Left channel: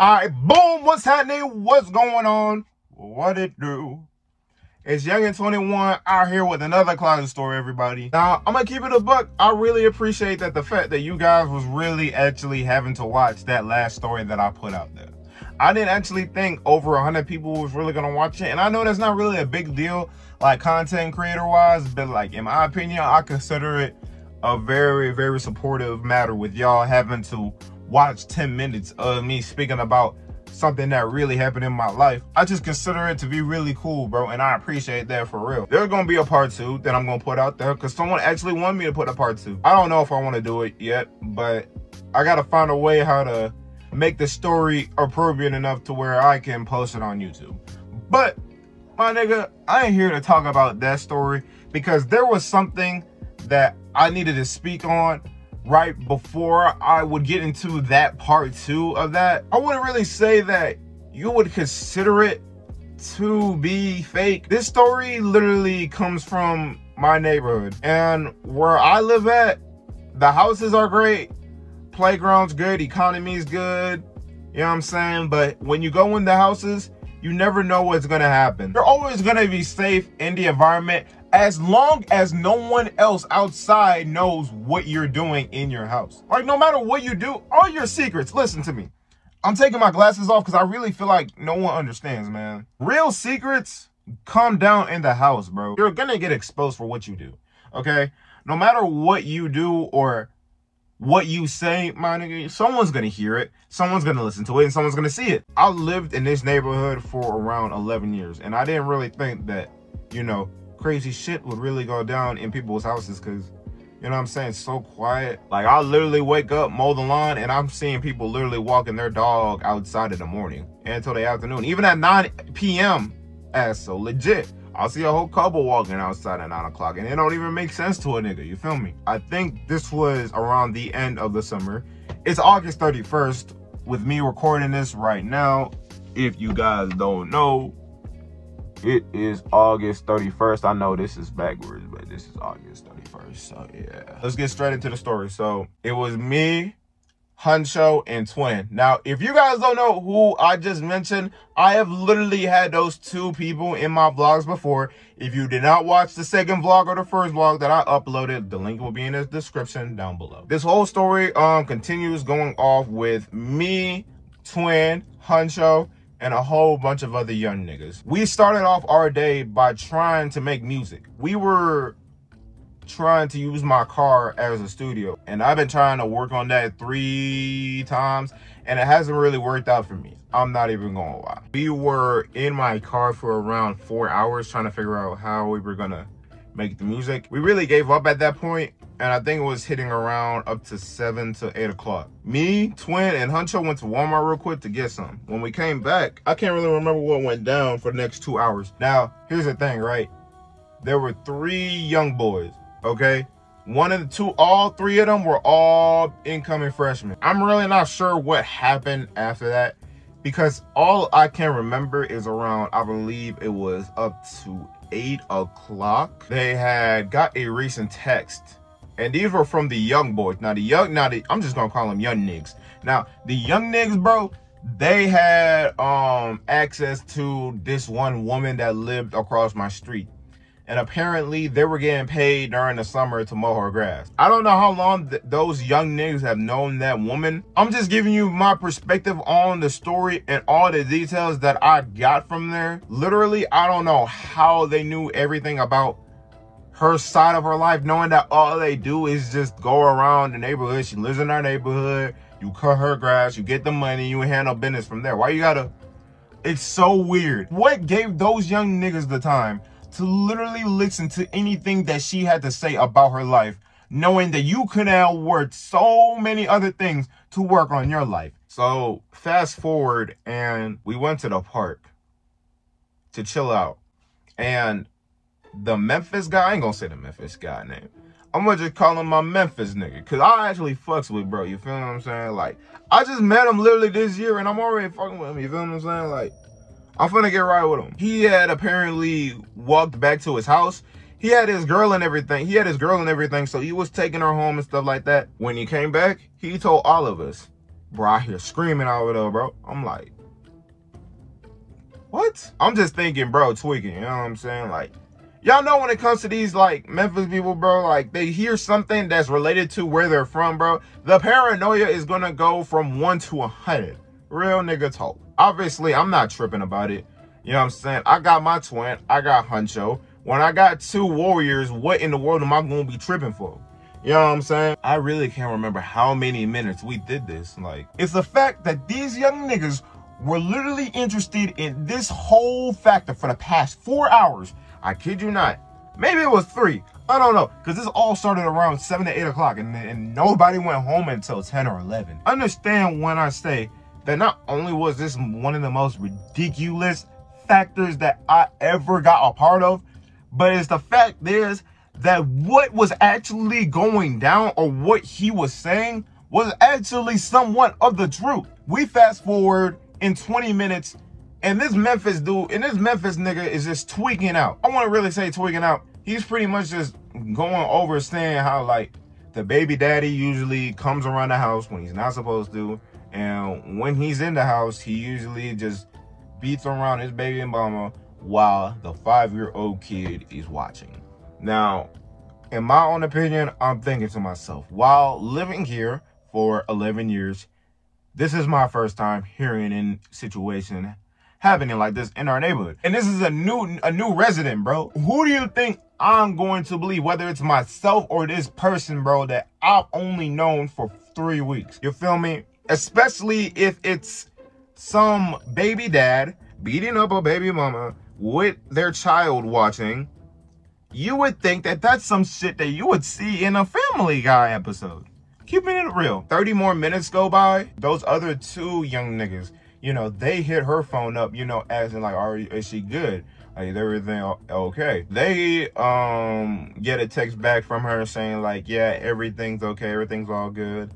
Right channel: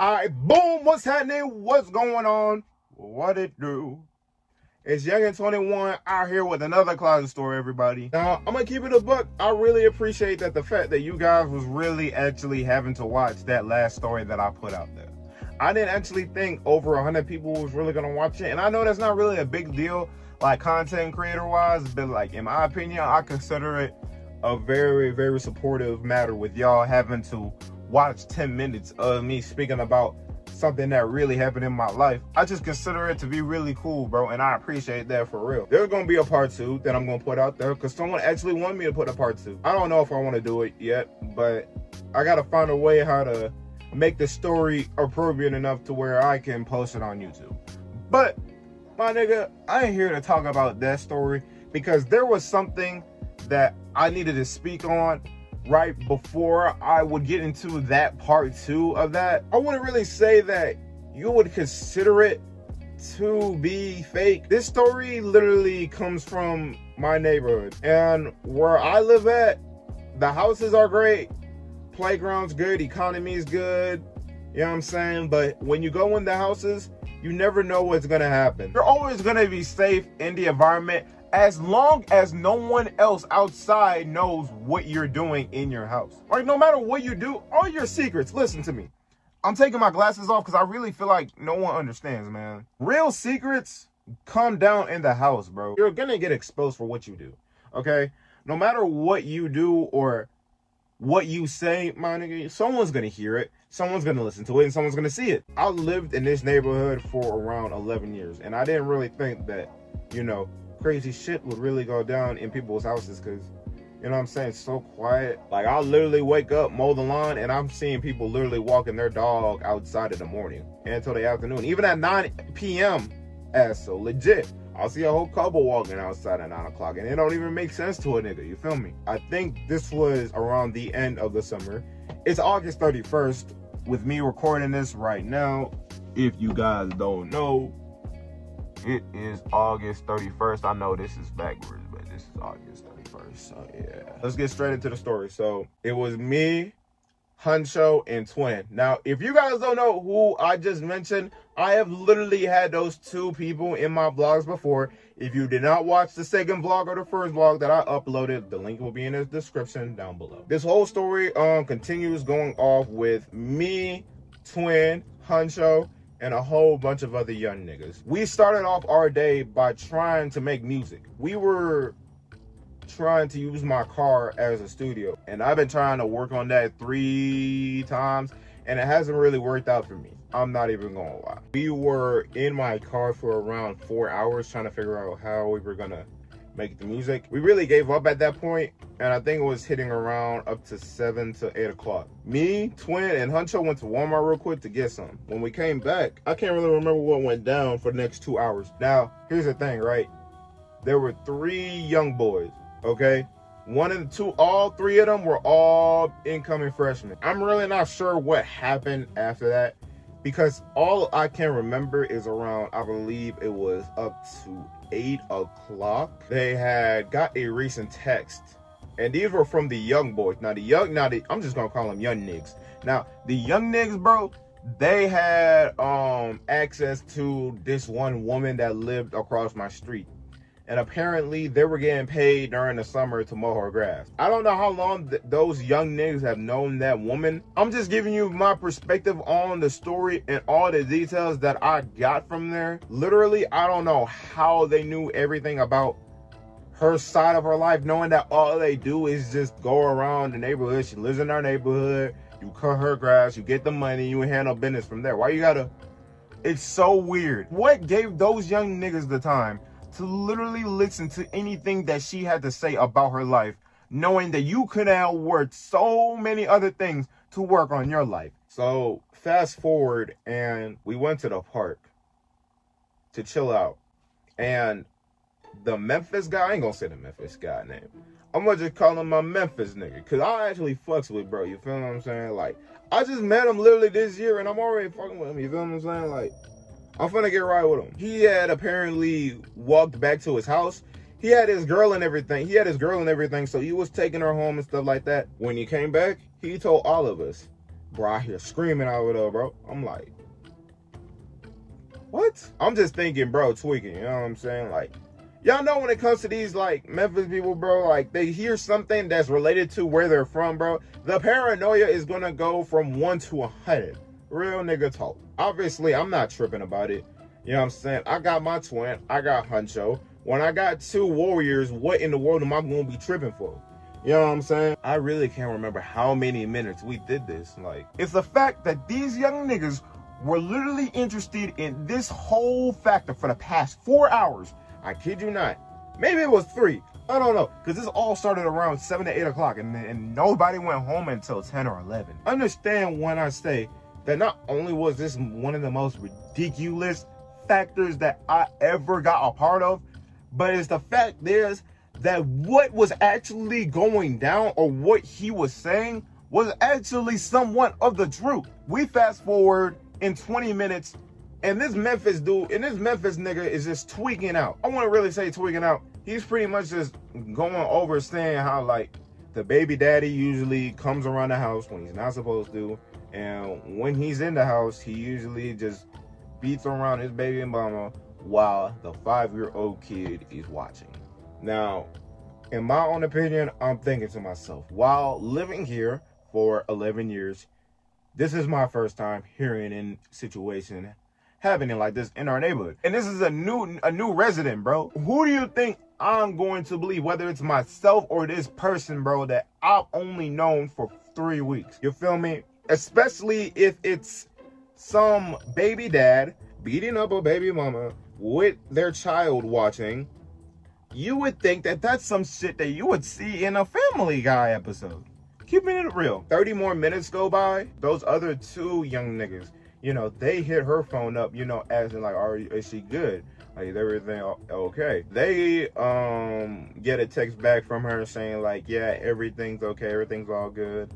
Alright, boom, what's happening? What's going on? What it do? It's Young and 21 out here with another closet story, everybody. Now, I'm gonna keep it a buck. I really appreciate that the fact that you guys was really actually having to watch that last story that I put out there. I didn't actually think over 100 people was really gonna watch it, and I know that's not really a big deal, like content creator wise, but like in my opinion, I consider it a very, very supportive matter with y'all having to watch 10 minutes of me speaking about something that really happened in my life. I just consider it to be really cool, bro, and I appreciate that for real. There's gonna be a part 2 that I'm gonna put out there because someone actually wanted me to put a part 2. I don't know if I want to do it yet, but I gotta find a way how to make the story appropriate enough to where I can post it on YouTube. But my nigga, I ain't here to talk about that story because there was something that I needed to speak on right before I would get into that part 2 of that. I wouldn't really say that you would consider it to be fake. This story literally comes from my neighborhood, and where I live at, the houses are great, playground's good, economy's good, you know what I'm saying? But when you go in the houses, you never know what's gonna happen. You're always gonna be safe in the environment as long as no one else outside knows what you're doing in your house. Like, no matter what you do, all your secrets, listen to me. I'm taking my glasses off because I really feel like no one understands, man. Real secrets come down in the house, bro. You're gonna get exposed for what you do, okay? No matter what you do or what you say, my nigga, someone's gonna hear it, someone's gonna listen to it, and someone's gonna see it. I lived in this neighborhood for around 11 years, and I didn't really think that, you know, crazy shit would really go down in people's houses because, you know what I'm saying, it's so quiet. Like, I literally wake up, mow the lawn, and I'm seeing people literally walking their dog outside in the morning and until the afternoon. Even at 9 p.m., that's so legit. I'll see a whole couple walking outside at 9 o'clock, and it don't even make sense to a nigga, you feel me? I think this was around the end of the summer. It's August 31st with me recording this right now. If you guys don't know, it is August 31st. I know this is backwards, but this is August 31st, so yeah. Let's get straight into the story. So, it was me, Huncho, and Twin. Now, if you guys don't know who I just mentioned, I have literally had those two people in my vlogs before. If you did not watch the second vlog or the first vlog that I uploaded, the link will be in the description down below. This whole story continues going off with me, Twin, Huncho, and a whole bunch of other young niggas. We started off our day by trying to make music. We were trying to use my car as a studio, and I've been trying to work on that 3 times, and it hasn't really worked out for me. I'm not even gonna lie. We were in my car for around 4 hours trying to figure out how we were gonna make the music. We really gave up at that point, and I think it was hitting around up to 7 to 8 o'clock. Me, Twin, and Huncho went to Walmart real quick to get some. When we came back, I can't really remember what went down for the next 2 hours. Now, here's the thing, right? There were 3 young boys, okay? One of the two, all 3 of them were all incoming freshmen. I'm really not sure what happened after that because all I can remember is around, I believe it was up to 8 o'clock. They had got a recent text, and these were from the young boys. Now I'm just gonna call them young niggas. Now the young niggas, bro, they had access to this one woman that lived across my street, and apparently they were getting paid during the summer to mow her grass. I don't know how long those young niggas have known that woman. I'm just giving you my perspective on the story and all the details that I got from there. Literally, I don't know how they knew everything about her side of her life, knowing that all they do is just go around the neighborhood. She lives in our neighborhood. You cut her grass, you get the money, you handle business from there. Why you gotta... It's so weird. What gave those young niggas the time to literally listen to anything that she had to say about her life, knowing that you could have worked so many other things to work on your life? So fast forward, and we went to the park to chill out, and the Memphis guy, I ain't gonna say the Memphis guy name, I'm gonna just call him my Memphis nigga, because I actually fucks with bro, you feel what I'm saying? Like, I just met him literally this year, and I'm already fucking with him, you feel what I'm saying? Like, I'm finna get right with him. He had apparently walked back to his house. He had his girl and everything. So he was taking her home and stuff like that. When he came back, he told all of us Bro, I hear screaming out there, bro. I'm like, what? I'm just thinking, bro, tweaking, you know what I'm saying? Like, y'all know when it comes to these, like, Memphis people, bro, like, they hear something that's related to where they're from, bro. The paranoia is gonna go from 1 to 100. Real nigga talk. Obviously, I'm not tripping about it. You know what I'm saying? I got my twin. I got Huncho. When I got 2 warriors, what in the world am I gonna be tripping for? You know what I'm saying? I really can't remember how many minutes we did this. Like, it's the fact that these young niggas were literally interested in this whole factor for the past 4 hours. I kid you not. Maybe it was 3. I don't know. Because this all started around 7 to 8 o'clock. And nobody went home until 10 or 11. Understand when I say that not only was this one of the most ridiculous factors that I ever got a part of, but it's the fact is that what was actually going down or what he was saying was actually somewhat of the truth. We fast forward in 20 minutes and this Memphis dude and this Memphis nigga is just tweaking out. I want to really say tweaking out. He's pretty much just going over saying how like the baby daddy usually comes around the house when he's not supposed to, and when he's in the house he usually just beats around his baby mama while the 5-year-old kid is watching. Now, in my own opinion, I'm thinking to myself, while living here for 11 years, this is my first time hearing in situation happening like this in our neighborhood. And this is a new resident, bro. Who do you think I'm going to believe, whether it's myself or this person, bro, that I've only known for 3 weeks? You feel me? Especially if it's some baby dad beating up a baby mama with their child watching. You would think that that's some shit that you would see in a Family Guy episode. Keeping it real. 30 more minutes go by. Those other 2 young niggas, you know, they hit her phone up, you know, asking like, is she good? Like, is everything okay? They get a text back from her saying like, yeah, everything's okay, everything's all good.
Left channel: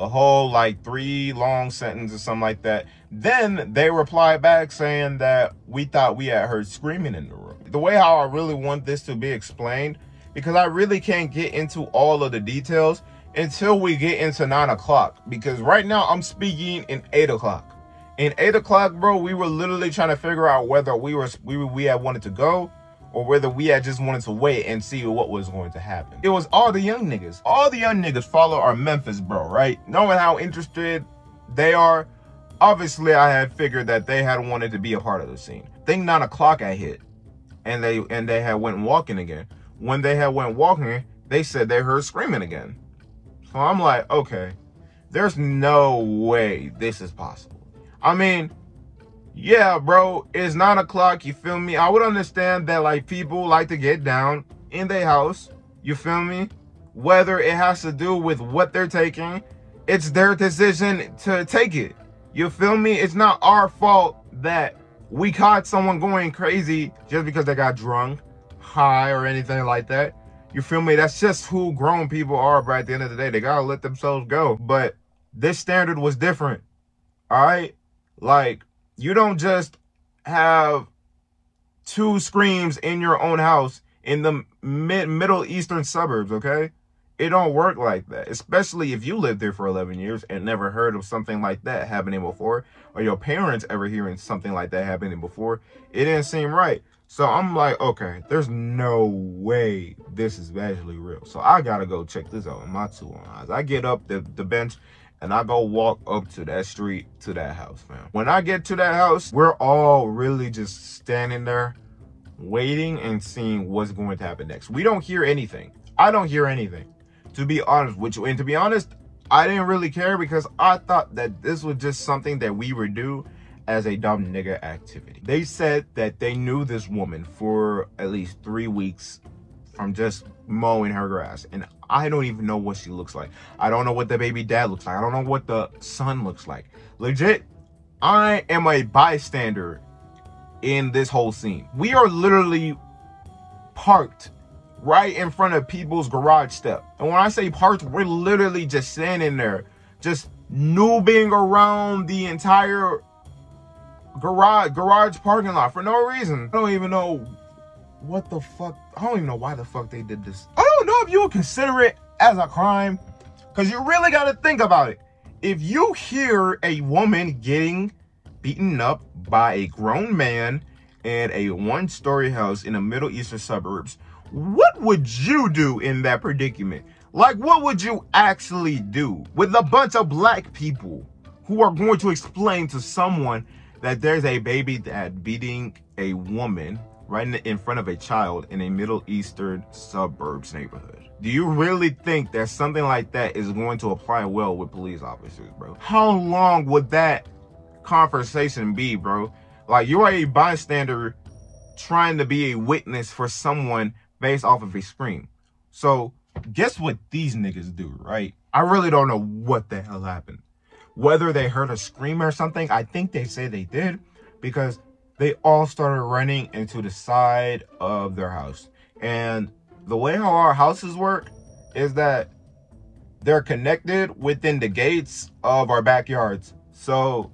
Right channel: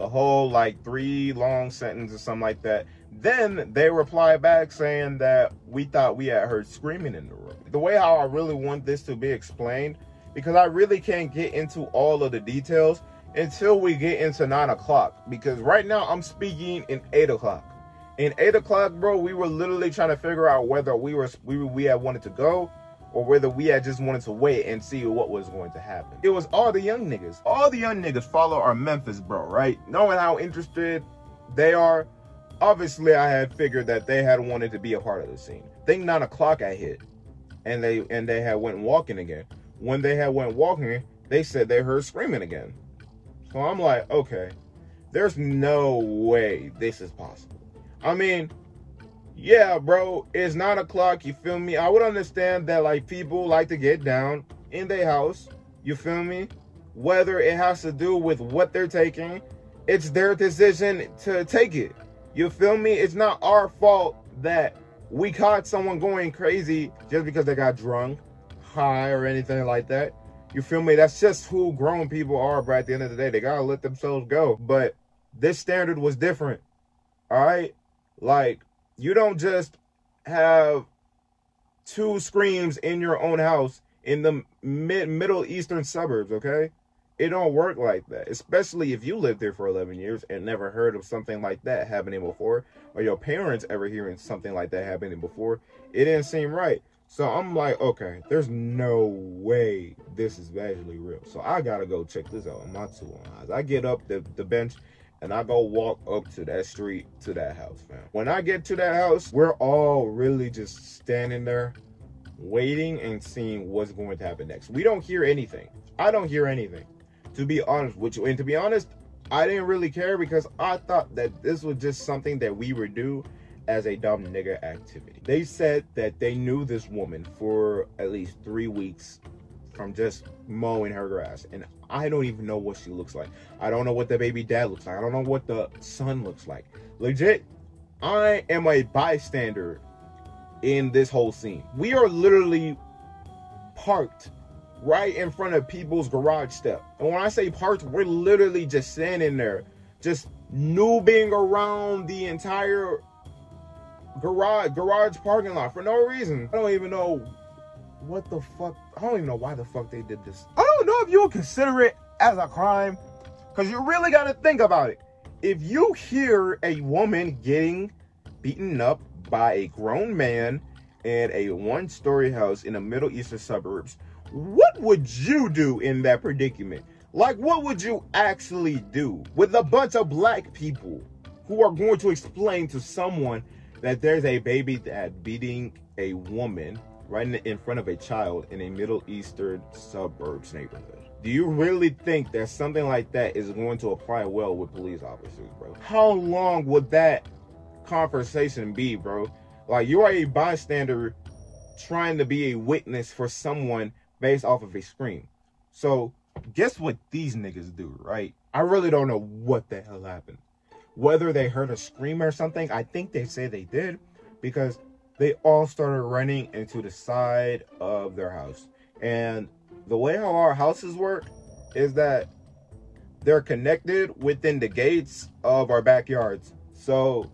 A whole like 3 long sentence or something like that. Then they reply back saying that we thought we had heard screaming in the room. The way how I really want this to be explained, because I really can't get into all of the details until we get into 9 o'clock. Because right now I'm speaking in 8 o'clock. In 8 o'clock, bro, we were literally trying to figure out whether we had wanted to go or whether we had just wanted to wait and see what was going to happen. It was all the young niggas. All the young niggas follow our Memphis bro, right? Knowing how interested they are, obviously I had figured that they had wanted to be a part of the scene. I think 9 o'clock I hit, and they had went walking again. When they had went walking, they said they heard screaming again. So I'm like, okay, there's no way this is possible. I mean, yeah, bro, it's 9 o'clock, you feel me? I would understand that, like, people like to get down in their house, you feel me? Whether it has to do with what they're taking, it's their decision to take it. You feel me? It's not our fault that we caught someone going crazy just because they got drunk, high, or anything like that. You feel me? That's just who grown people are, bro. At the end of the day, they gotta let themselves go. But this standard was different, all right? Like, you don't just have 2 screams in your own house in the Middle Eastern suburbs, okay? It don't work like that, especially if you lived there for 11 years and never heard of something like that happening before, or your parents ever hearing something like that happening before. It didn't seem right. So I'm like, okay, there's no way this is actually real. So I gotta go check this out on my 2 eyes. I get up the bench and I go walk up to that street, to that house, fam. When I get to that house, we're all really just standing there waiting and seeing what's going to happen next. We don't hear anything. I don't hear anything, to be honest with you. And to be honest, I didn't really care because I thought that this was just something that we would do as a dumb nigga activity. They said that they knew this woman for at least 3 weeks from just mowing her grass. And I don't even know what she looks like. I don't know what the baby dad looks like. I don't know what the son looks like. Legit, I am a bystander in this whole scene. We are literally parked right in front of people's garage step. And when I say parked, we're literally just standing there, just noobing around the entire garage parking lot for no reason. I don't even know what the fuck. I don't even know why the fuck they did this. I don't know if you would consider it as a crime, because you really got to think about it. if you hear a woman getting beaten up by a grown man in a one-story house in the Middle Eastern suburbs, what would you do in that predicament? Like, what would you actually do with a bunch of black people who are going to explain to someone that there's a baby dad beating a woman right in front of a child in a Middle Eastern suburbs neighborhood? Do you really think that something like that is going to apply well with police officers, bro? How long would that conversation be, bro? Like, you're a bystander trying to be a witness for someone based off of a scream. So guess what these niggas do, right? I really don't know what the hell happened. Whether they heard a scream or something, I think they say they did, because they all started running into the side of their house. And the way how our houses work is that they're connected within the gates of our backyards. So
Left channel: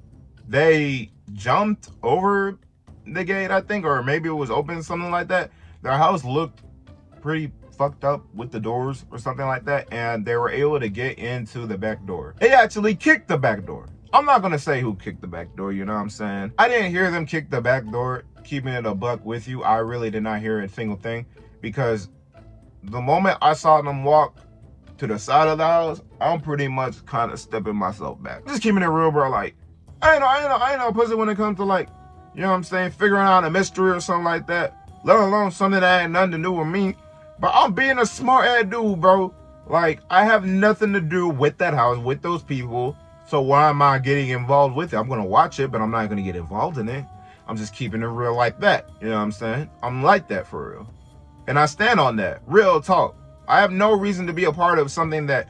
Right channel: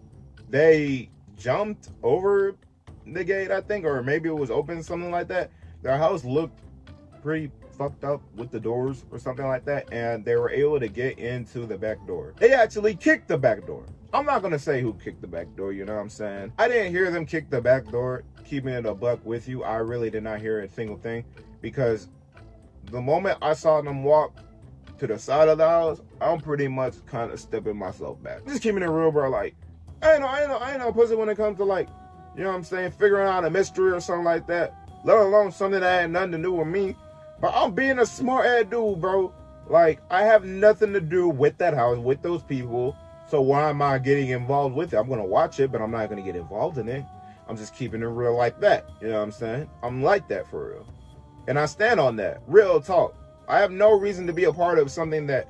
they jumped over the gate, I think, or maybe it was open, something like that. Their house looked pretty fucked up with the doors or something like that, and they were able to get into the back door. They actually kicked the back door. I'm not gonna say who kicked the back door, you know what I'm saying? I didn't hear them kick the back door. Keeping it a buck with you, I really did not hear a single thing, because the moment I saw them walk to the side of the house, I'm pretty much kind of stepping myself back. Just keeping it real, bro. Like, I ain't no pussy when it comes to, like, you know what I'm saying, figuring out a mystery or something like that, let alone something that ain't nothing to do with me. But I'm being a smart ass dude, bro. Like, I have nothing to do with that house, with those people. So why am I getting involved with it? I'm gonna watch it, but I'm not gonna get involved in it. I'm just keeping it real like that. You know what I'm saying? I'm like that for real. And I stand on that. Real talk. I have no reason to be a part of something that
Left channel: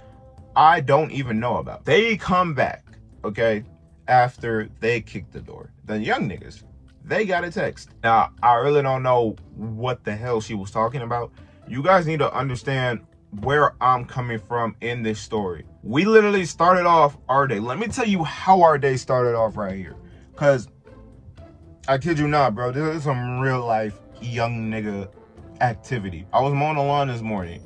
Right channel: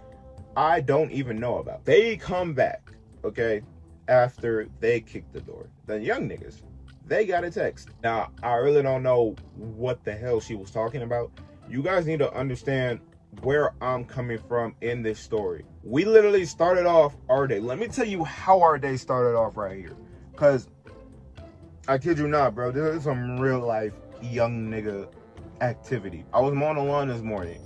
I don't even know about. They come back, okay, after they kick the door. The young niggas, they got a text. Now, I really don't know what the hell she was talking about. You guys need to understand where I'm coming from in this story. We literally started off our day. Let me tell you how our day started off right here. Because, I kid you not, bro, this is some real life young nigga activity. I was mowing the lawn this morning,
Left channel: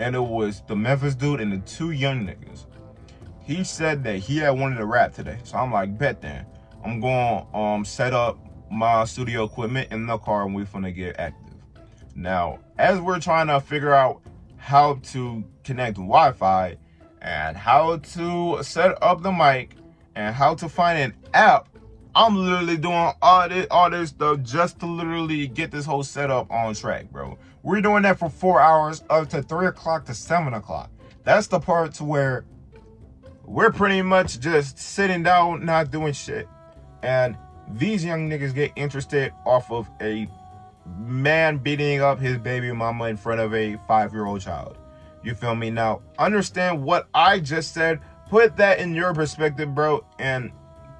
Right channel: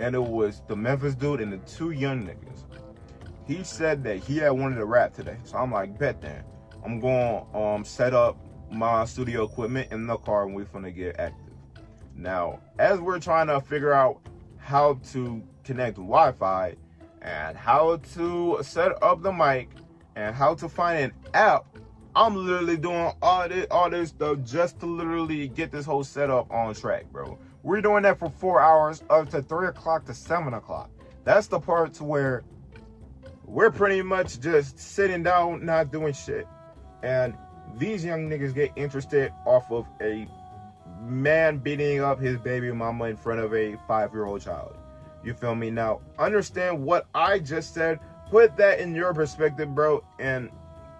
and it was the Memphis dude and the two young niggas. He said that he had wanted to rap today. So I'm like, bet then. I'm going to set up my studio equipment in the car, and we're finna get active. Now, as we're trying to figure out how to connect Wi-Fi and how to set up the mic and how to find an app, I'm literally doing all this stuff just to literally get this whole setup on track, bro. We're doing that for 4 hours, up to 3 o'clock to 7 o'clock. That's the part to where we're pretty much just sitting down, not doing shit. And these young niggas get interested off of a man beating up his baby mama in front of a 5-year-old child. You feel me? Now, understand what I just said. Put that in your perspective, bro, and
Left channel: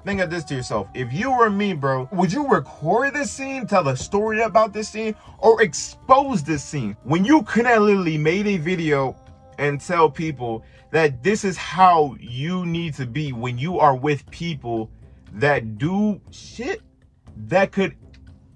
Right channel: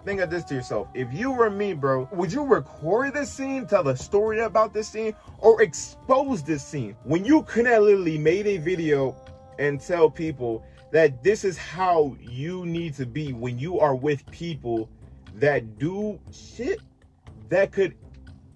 think of this to yourself. If you were me, bro, would you record this scene, tell the story about this scene, or expose this scene? When you could have literally made a video and tell people that this is how you need to be when you are with people that do shit that could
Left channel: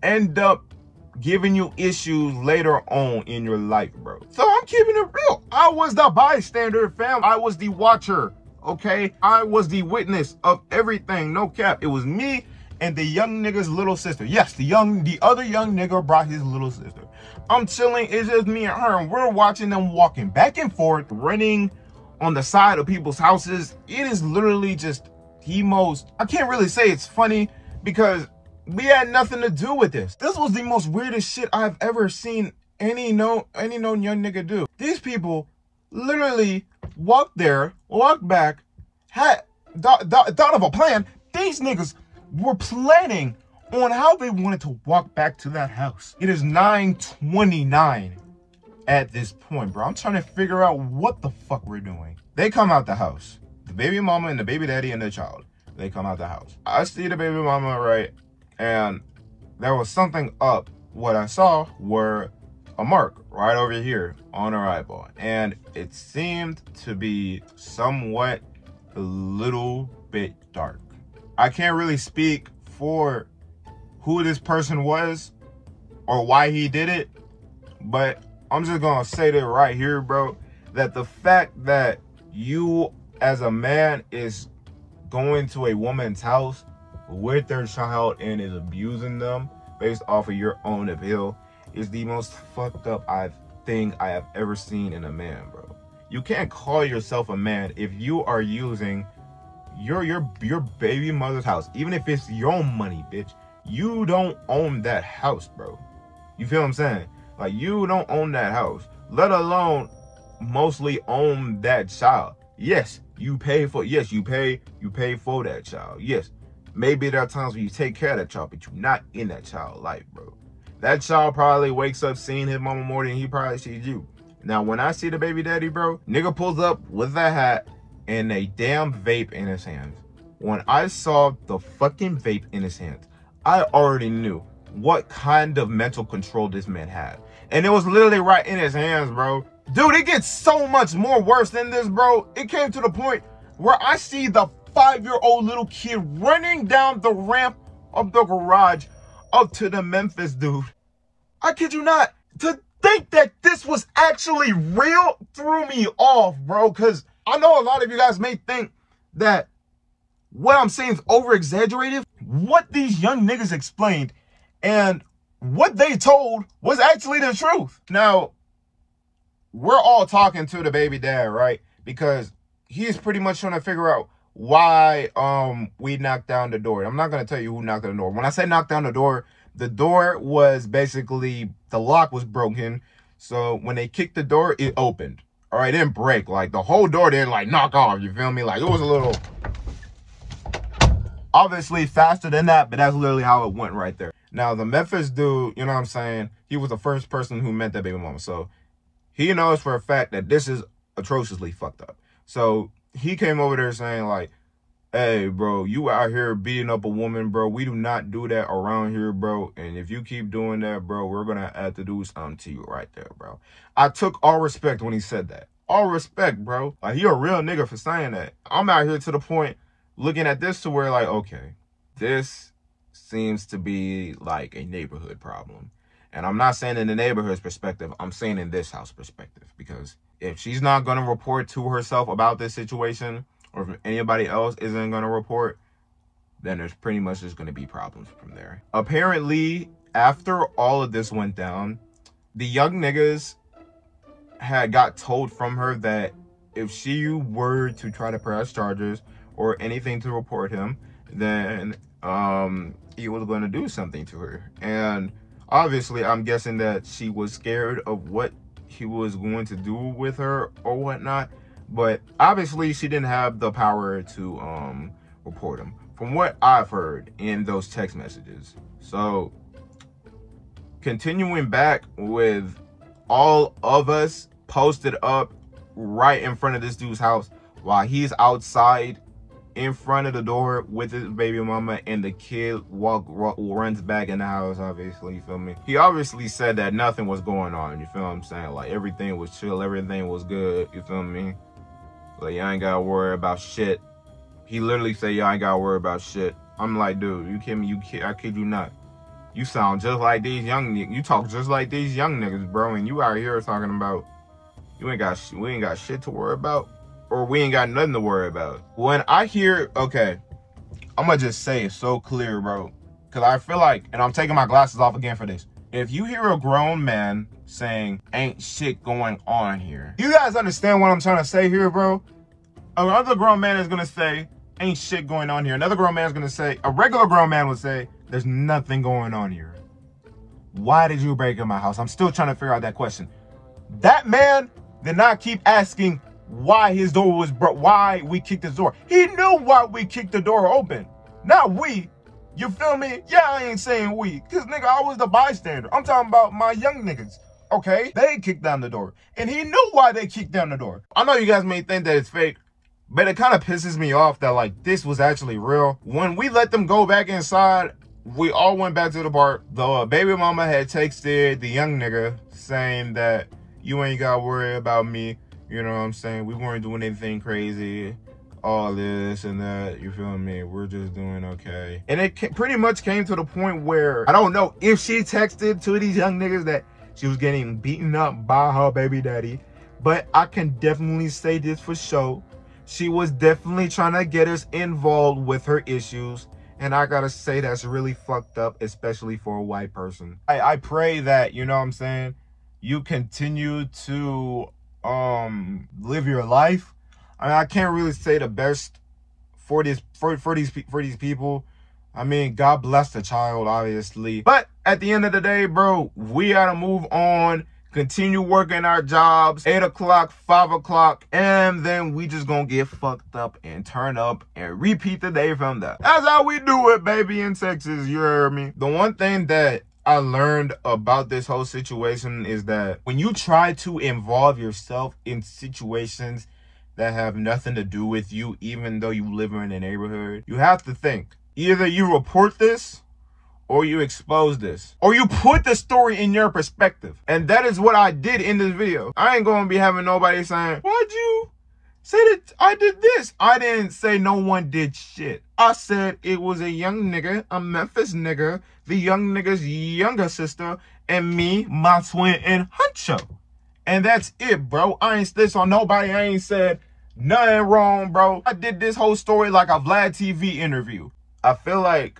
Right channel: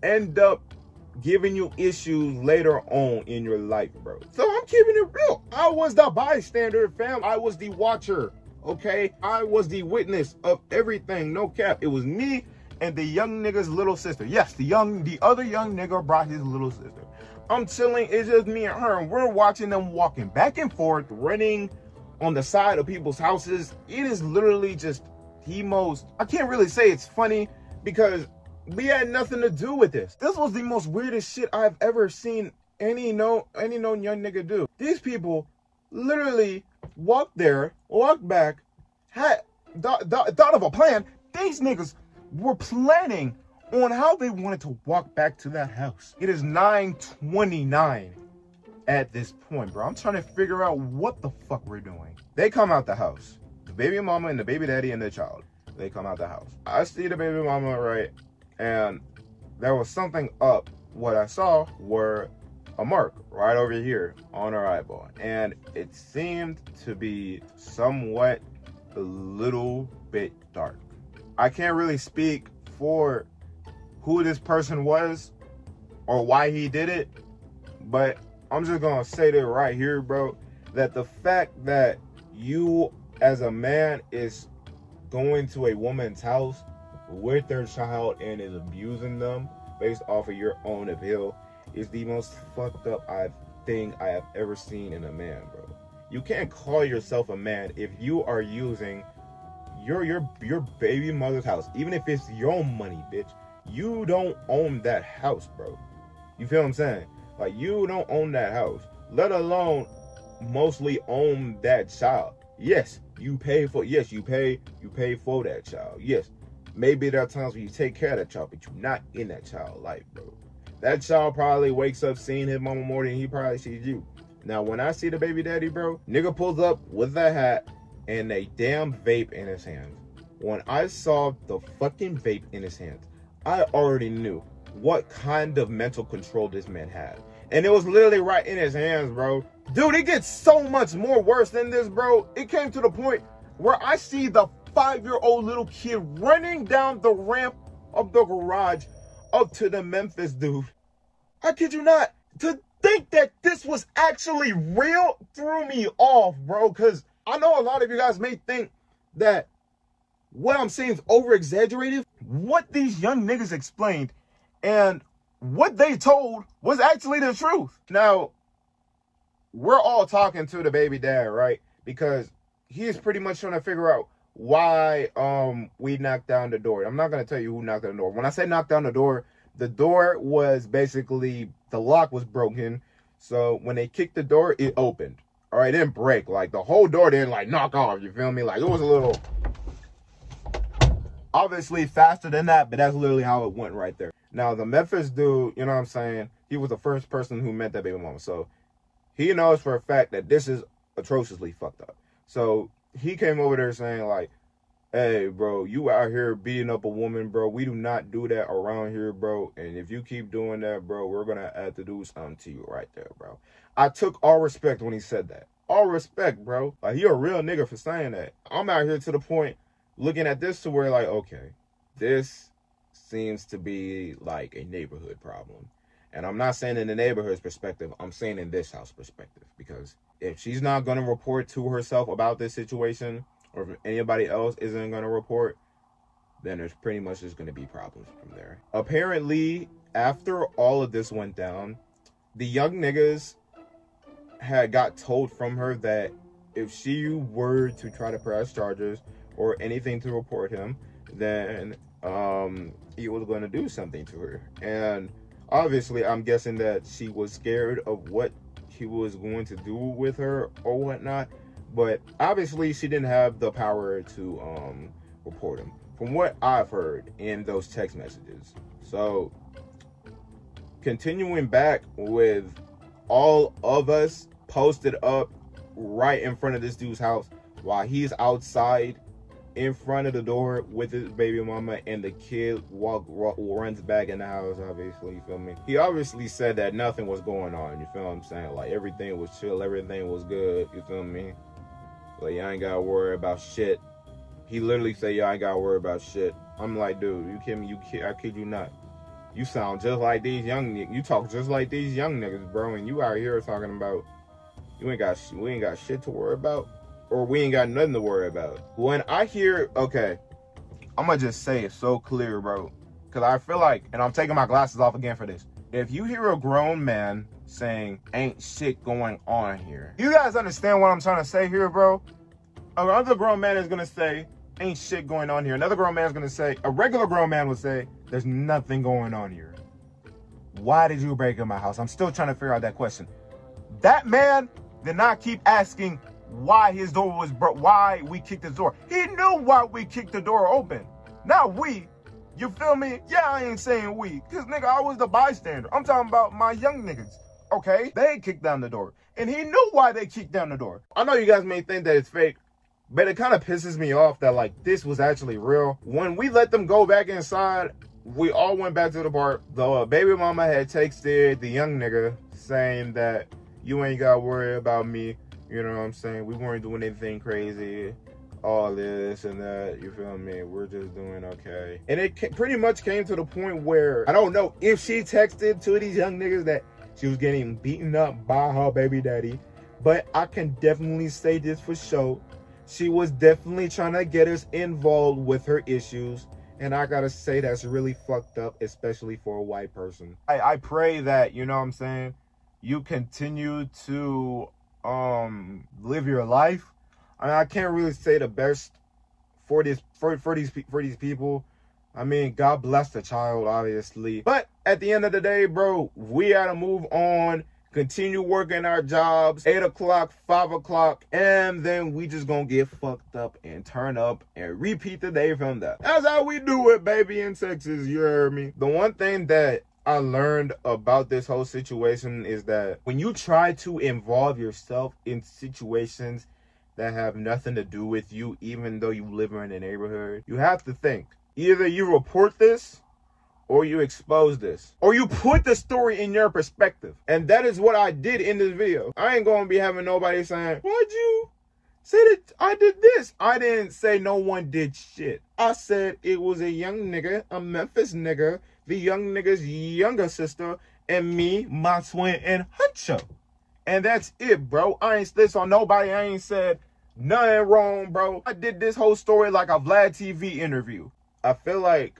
end up giving you issues later on in your life, bro. So I'm keeping it real. I was the bystander, fam. I was the watcher, okay? I was the witness of everything, no cap. It was me and the young nigga's little sister. Yes, the other young nigga brought his little sister. I'm chilling, it's just me and her, and we're watching them walking back and forth, running on the side of people's houses. It is literally just the most, I can't really say it's funny because we had nothing to do with this. This was the most weirdest shit I've ever seen any known young nigga do. These people literally walked there, walked back, had thought of a plan. These niggas were planning on how they wanted to walk back to that house. It is 9:29 at this point, bro. I'm trying to figure out what the fuck we're doing. They come out the house. The baby mama and the baby daddy and the child. They come out the house. I see the baby mama, right? And there was something up. What I saw were a mark right over here on her eyeball. And it seemed to be somewhat a little bit dark. I can't really speak for who this person was or why he did it, but I'm just gonna say that right here, bro, that the fact that you as a man is going to a woman's house with their child and is abusing them based off of your own appeal is the most fucked up thing I have ever seen in a man, bro. You can't call yourself a man if you are using your baby mother's house, even if it's your own money, bitch. You don't own that house, bro. You feel what I'm saying? Like, you don't own that house, let alone mostly own that child. Yes, you pay for that child. Yes, maybe there are times when you take care of that child, but you're not in that child's life, bro. That child probably wakes up seeing his mama more than he probably sees you. Now, when I see the baby daddy, bro, nigga pulls up with a hat and a damn vape in his hands. When I saw the fucking vape in his hands, I already knew what kind of mental control this man had. And it was literally right in his hands, bro. Dude, it gets so much more worse than this, bro. It came to the point where I see the 5-year-old little kid running down the ramp of the garage up to the Memphis dude. I kid you not. To think that this was actually real threw me off, bro. Because I know a lot of you guys may think that what I'm saying is over-exaggerated. What these young niggas explained and what they told was actually the truth. Now, we're all talking to the baby dad, right? Because he's pretty much trying to figure out why we knocked down the door. I'm not going to tell you who knocked down the door. When I say knocked down the door was basically, the lock was broken. So when they kicked the door, it opened. All right, it didn't break. Like, the whole door didn't, like, knock off. You feel me? Like, it was a little, obviously faster than that, but that's literally how it went right there. Now, the Memphis dude, you know what I'm saying? He was the first person who met that baby mama. So he knows for a fact that this is atrociously fucked up. So he came over there saying, like, hey, bro, you out here beating up a woman, bro. We do not do that around here, bro. And if you keep doing that, bro, we're going to have to do something to you right there, bro. I took all respect when he said that. All respect, bro. Like, he a real nigga for saying that. I'm out here to the point looking at this to where, like, okay, this seems to be like a neighborhood problem. And I'm not saying in the neighborhood's perspective, I'm saying in this house perspective. Because if she's not going to report to herself about this situation, or if anybody else isn't going to report, then there's pretty much just going to be problems from there. Apparently, after all of this went down, the young niggas had got told from her that if she were to try to press charges or anything to report him, then he was going to do something to her. And obviously, I'm guessing that she was scared of what he was going to do with her or whatnot. But obviously, she didn't have the power to report him, from what I've heard in those text messages. So, continuing back with all of us posted up right in front of this dude's house while he's outside in front of the door with his baby mama, and the kid runs back in the house, obviously, you feel me? He obviously said that nothing was going on, you feel what I'm saying? Like, everything was chill, everything was good, you feel me? Like, you ain't gotta worry about shit. He literally said, you ain't gotta worry about shit. I'm like, dude, you kidding me? I kid you not. You sound just like these young niggas. You talk just like these young niggas, bro. And you out here talking about, we ain't got shit to worry about. Or we ain't got nothing to worry about. When I hear, okay, I'm gonna just say it so clear, bro. Because I feel like, and I'm taking my glasses off again for this. If you hear a grown man saying, ain't shit going on here. You guys understand what I'm trying to say here, bro? Another grown man is gonna say, ain't shit going on here. Another grown man is gonna say, a regular grown man would say, there's nothing going on here. Why did you break in my house? I'm still trying to figure out that question. That man did not keep asking why his door was broke, why we kicked his door. He knew why we kicked the door open. Not we. You feel me? Yeah, I ain't saying we. Because, nigga, I was the bystander. I'm talking about my young niggas. Okay? They kicked down the door. And he knew why they kicked down the door. I know you guys may think that it's fake, but it kind of pisses me off that, like, this was actually real. When we let them go back inside, we all went back to the bar. The baby mama had texted the young nigga saying that you ain't got to worry about me. You know what I'm saying? We weren't doing anything crazy. All this and that, you feel me? We're just doing okay. And it pretty much came to the point where, I don't know if she texted to these young niggas that she was getting beaten up by her baby daddy, but I can definitely say this for sure. She was definitely trying to get us involved with her issues. And I gotta say, that's really fucked up, especially for a white person. I pray that, you know what I'm saying, you continue to live your life. I mean, I can't really say the best for these people. I mean, God bless the child, obviously. But at the end of the day, bro, we gotta move on, continue working our jobs, 8 o'clock, 5 o'clock, and then we just gonna get fucked up and turn up and repeat the day from there. That's how we do it, baby, in Texas, you hear me? The one thing that I learned about this whole situation is that when you try to involve yourself in situations that have nothing to do with you, even though you live in a neighborhood, you have to think. Either you report this, or you expose this, or you put the story in your perspective. And that is what I did in this video. I ain't gonna be having nobody saying, why'd you say that I did this? I didn't say no one did shit. I said it was a young nigga, a Memphis nigga, the young nigga's younger sister, and me, my twin, and Huncho. And that's it, bro. I ain't snitched on nobody. I ain't said nothing wrong, bro. I did this whole story like a Vlad TV interview. I feel like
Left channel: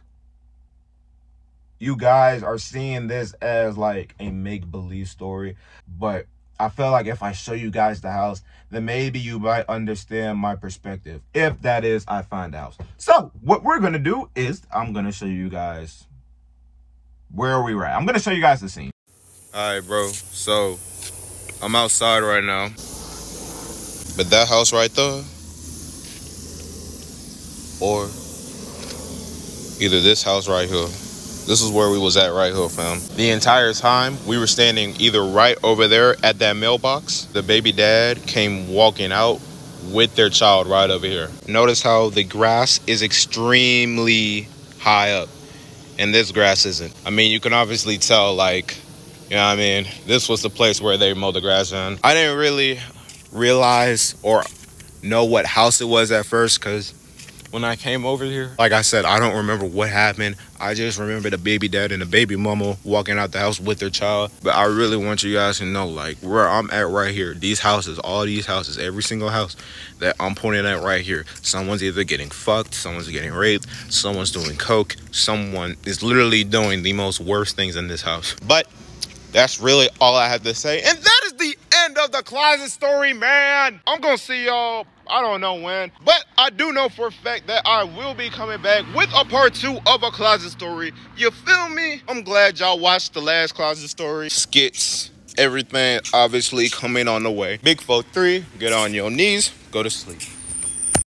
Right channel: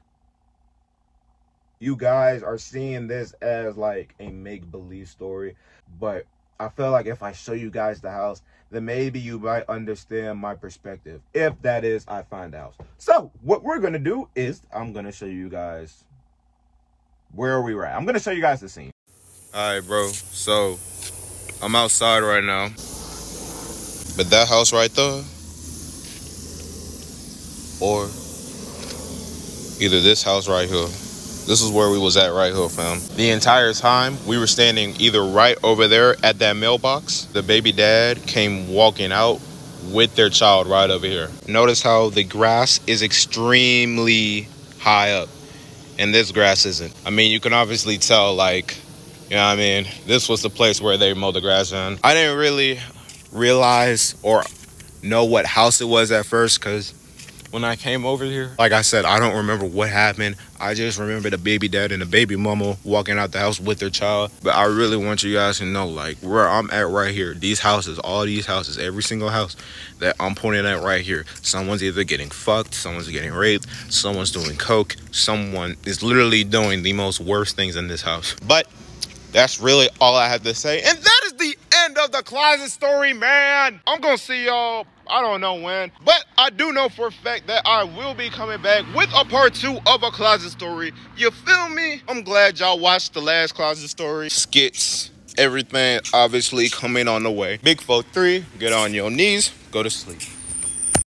you guys are seeing this as like a make-believe story, but I feel like if I show you guys the house, then maybe you might understand my perspective. If that is, I find the house. So what we're gonna do is I'm gonna show you guys where we were at. I'm gonna show you guys the scene. All right, bro. So I'm outside right now, but that house right there, or either this house right here. This is where we was at right here, fam. The entire time, we were standing either right over there at that mailbox. The baby dad came walking out with their child right over here. Notice how the grass is extremely high up, and this grass isn't. I mean, you can obviously tell, like, you know what I mean? This was the place where they mowed the grass in. I didn't really realize or know what house it was at first, because when I came over here, like I said, I don't remember what happened. I just remember the baby dad and the baby mama walking out the house with their child. But I really want you guys to know, like, where I'm at right here, these houses, all these houses, every single house that I'm pointing at right here, someone's either getting fucked, someone's getting raped, someone's doing coke, someone is literally doing the most worst things in this house. But that's really all I have to say. And that is the end of the closet story, man. I'm gonna see y'all, I don't know when, but I do know for a fact that I will be coming back with a part 2 of a closet story. You feel me? I'm glad y'all watched the last closet story. Skits, everything obviously coming on the way. Big 4-3, get on your knees, go to sleep.